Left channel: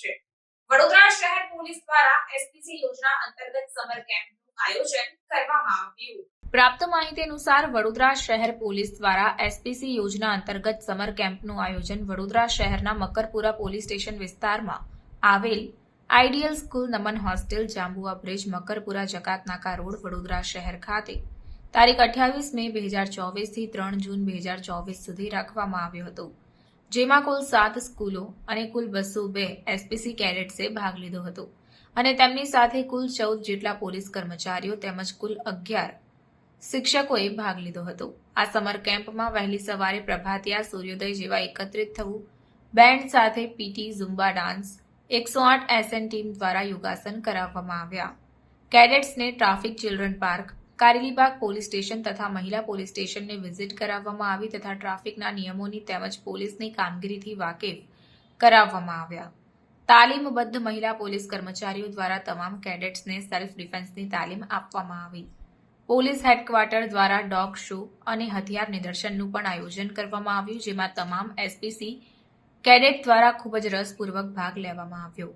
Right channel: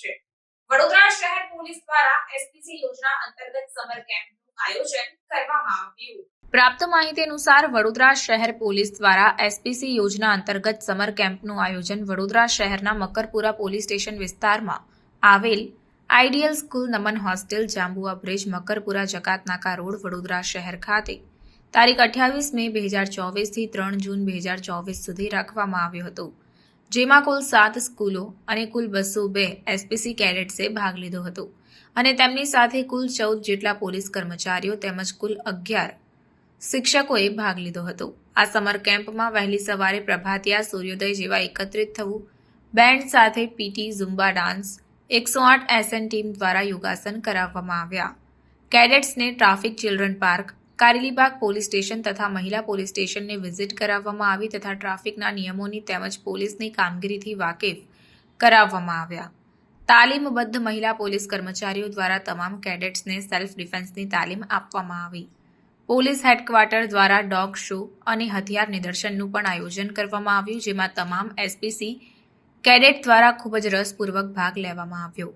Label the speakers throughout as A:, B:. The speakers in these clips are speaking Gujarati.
A: છે. વડોદરા શહેર પોલીસ દ્વારા એસપીસી યોજના અંતર્ગત સમર કેમ્પનું આયોજન કરવામાં આવ્યું. પ્રાપ્ત માહિતી અનુસાર વડોદરા શહેર પોલીસ દ્વારા એસપીસી યોજના અંતર્ગત સમર કેમ્પનું આયોજન વડોદરા શહેરના મકરપુરા પોલીસ સ્ટેશન વિસ્તારમાં આવેલ ideal school Naman hostel Jambua bridge Makarpura Jakatnaka road, Vadodara શહેર ખાતે તારીખ અઠ્યાવીસ મે બે હજાર ચોવીસથી ત્રણ જૂન બે હજાર ચોવીસ સુધી રાખવામાં આવ્યો હતો. જેમાં કુલ સાત સ્કૂલો અને કુલ બસો બે એસપીસી કેડેટ્સે ભાગ લીધો હતો. અને તેમની સાથે કુલ ચૌદ જેટલા પોલીસ કર્મચારીઓ તેમજ કુલ અગિયાર શિક્ષકોએ ભાગ લીધો હતો. આ સમર કેમ્પમાં વહેલી સવારે પ્રભાતિયા સૂર્યોદય જેવા એકત્રિત થવું, બેન્ડ સાથે પીટી ઝુમ્બા ડાન્સ, એકસો આઠ એસએન ટીમ દ્વારા યોગાસન કરાવવામાં આવ્યા. કેડેટ્સને traffic children park Karelibaug police station તથા મહિલા પોલીસ સ્ટેશનને વિઝિટ કરાવવામાં આવી તથા ટ્રાફિકના નિયમોની તેમજ પોલીસની કામગીરીથી વાકેફ કરાવવામાં આવ્યા. તાલીમબદ્ધ મહિલા પોલીસ કર્મચારીઓ દ્વારા તમામ કેડેટ્સને સેલ્ફ ડિફેન્સની તાલીમ આપવામાં આવી. પોલીસ હેડક્વાર્ટર દ્વારા ડોગ શો અને હથિયાર નિદર્શનનું પણ આયોજન કરવામાં આવ્યું, જેમાં તમામ એસપીસી કેડેટ દ્વારા ખૂબ જ રસપૂર્વક ભાગ લેવામાં આવ્યો.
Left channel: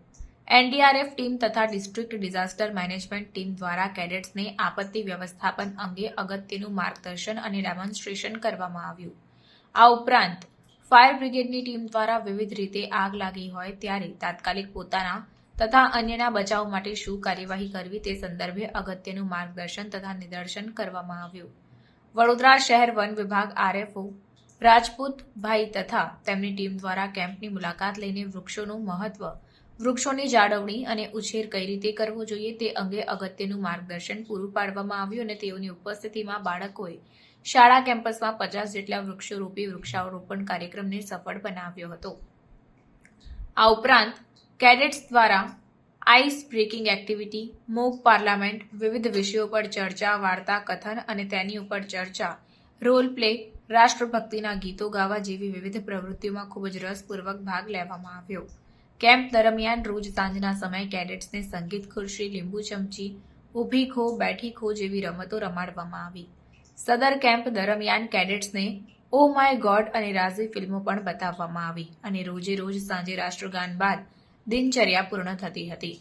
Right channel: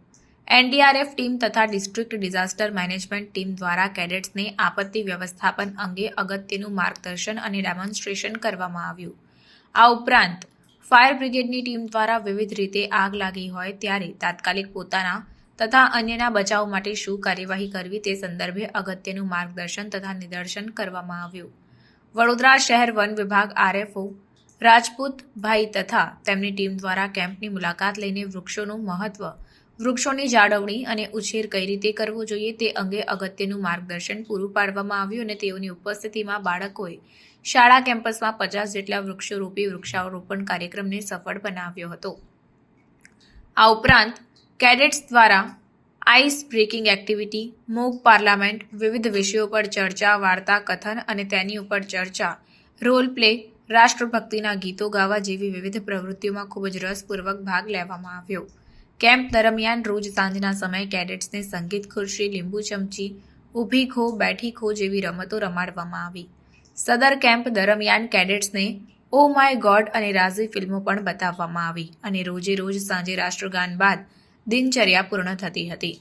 A: એનડીઆરએફ ટીમ તથા ડિસ્ટ્રિક્ટ ડિઝાસ્ટર મેનેજમેન્ટ ટીમ દ્વારા કેડેટ્સને આપત્તિ વ્યવસ્થાપન અંગે અગત્યનું માર્ગદર્શન અને ડેમોન્સ્ટ્રેશન કરવામાં આવ્યું. આ ઉપરાંત, ફાયર બ્રિગેડની ટીમ દ્વારા વિવિધ રીતે આગ લાગી હોય ત્યારે તાત્કાલિક પોતાના તથા અન્યના બચાવ માટે શું કાર્યવાહી કરવી તે સંદર્ભે અગત્યનું માર્ગદર્શન તથા નિદર્શન કરવામાં આવ્યું. વડોદરા શહેર વન વિભાગ આરએફઓ રાજપૂત ભાઈ તથા તેમની ટીમ દ્વારા કેમ્પની મુલાકાત લઈને વૃક્ષોનું મહત્વ વૃક્ષોની જાળવણી અને ઉછેર કઈ રીતે કરવો જોઈએ તે અંગે અગત્યનું માર્ગદર્શન પૂરું પાડવામાં આવ્યું અને તેઓની ઉપસ્થિતિમાં બાળકોએ શાળા કેમ્પસમાં પચાસ જેટલા વૃક્ષો રોપી વૃક્ષારોપણ કાર્યક્રમને સફળ બનાવ્યો હતો. આ ઉપરાંત કેડેટ્સ દ્વારા ice breaking activity, mock parliament, વિવિધ વિષયો પર ચર્ચા, વાર્તા, કથન અને તેની ઉપર ચર્ચા, રોલ પ્લે, રાષ્ટ્રભક્તિના ગીતો ગાવા જેવી વિવિધ પ્રવૃત્તિઓમાં ખૂબ જ રસપૂર્વક ભાગ લેવામાં આવ્યો. કેમ્પ દરમિયાન રોજ સાંજના સમયે કેડેટ્સને સંગીત ખુરશી, લીંબુ ચમચી, ઊભી ખો, બેઠી ખો જેવી રમતો રમાડવામાં આવી. સદર કેમ્પ દરમિયાન કેડેટ્સને ઓ માય ગોડ અને રાઝી ફિલ્મો પણ બતાવવામાં આવી અને રોજે રોજ સાંજે રાષ્ટ્રગાન બાદ દિનચર્યા પૂર્ણ થતી હતી.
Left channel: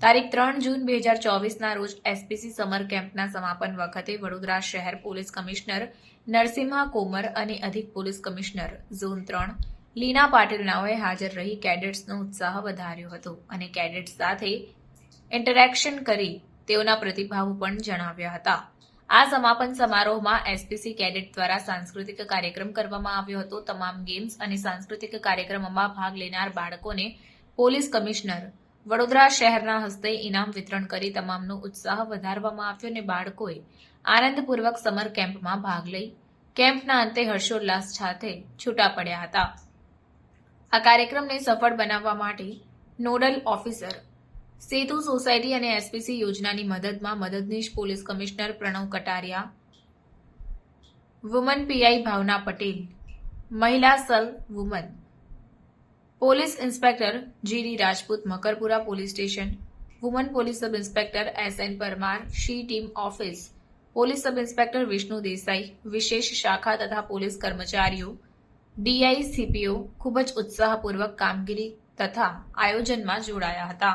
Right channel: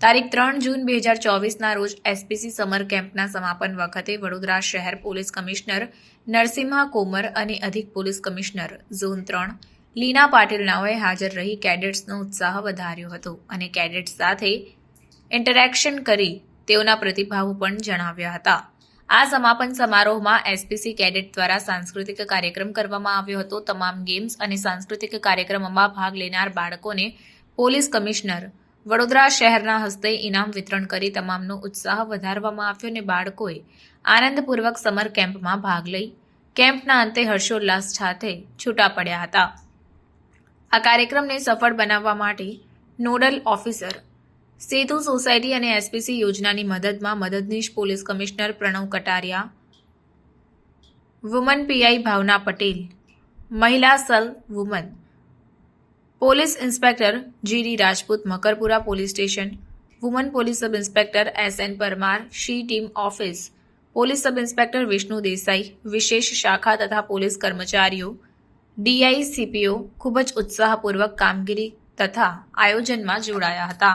A: તારીખ ત્રણ જૂન બે હજાર ચોવીસના રોજ એસપીસી સમર કેમ્પના સમાપન વખતે વડોદરા શહેર પોલીસ કમિશનર નરસિંહા કોમર અને અધિક પોલીસ કમિશનર ઝોન ત્રણ લીના પાટીલ નાઓએ હાજર રહી કેડેટ્સનો ઉત્સાહ વધાર્યો હતો અને કેડેટ્સ સાથે ઇન્ટરેક્શન કરી તેઓના પ્રતિભાવો પણ જણાવ્યા હતા. આ સમાપન સમારોહમાં એસપીસી કેડેટ દ્વારા સાંસ્કૃતિક કાર્યક્રમ કરવામાં આવ્યો હતો. તમામ ગેમ્સ અને સાંસ્કૃતિક કાર્યક્રમમાં ભાગ લેનાર બાળકોને પોલીસ કમિશનર વડોદરા શહેરના હસ્તે ઇનામ વિતરણ કરી તમામનો ઉત્સાહ વધારવામાં આવ્યો અને બાળકોએ આનંદપૂર્વક સમર કેમ્પમાં ભાગ લઈ કેમ્પના અંતે હર્ષોલ્લાસ સાથે છૂટા પડ્યા હતા. આ કાર્યક્રમને સફળ બનાવવા માટે નોડલ ઓફિસર, સેતુ સોસાયટી અને એસપીસી યોજનાની મદદમાં મદદનીશ police commissioner Pranav Kataria, woman PI Bhavna Patel, મહિલા સલ woman, police inspector GD Rajput, Makarpura police station, woman police sub inspector S N Parmar, she team office, police sub inspector Vishnu Desai, વિશેષ શાખા તથા પોલીસ કર્મચારીઓ ડીઆઈ સીપીઓ ખૂબ જ ઉત્સાહપૂર્વક કામગીરી તથા આયોજનમાં જોડાયા હતા.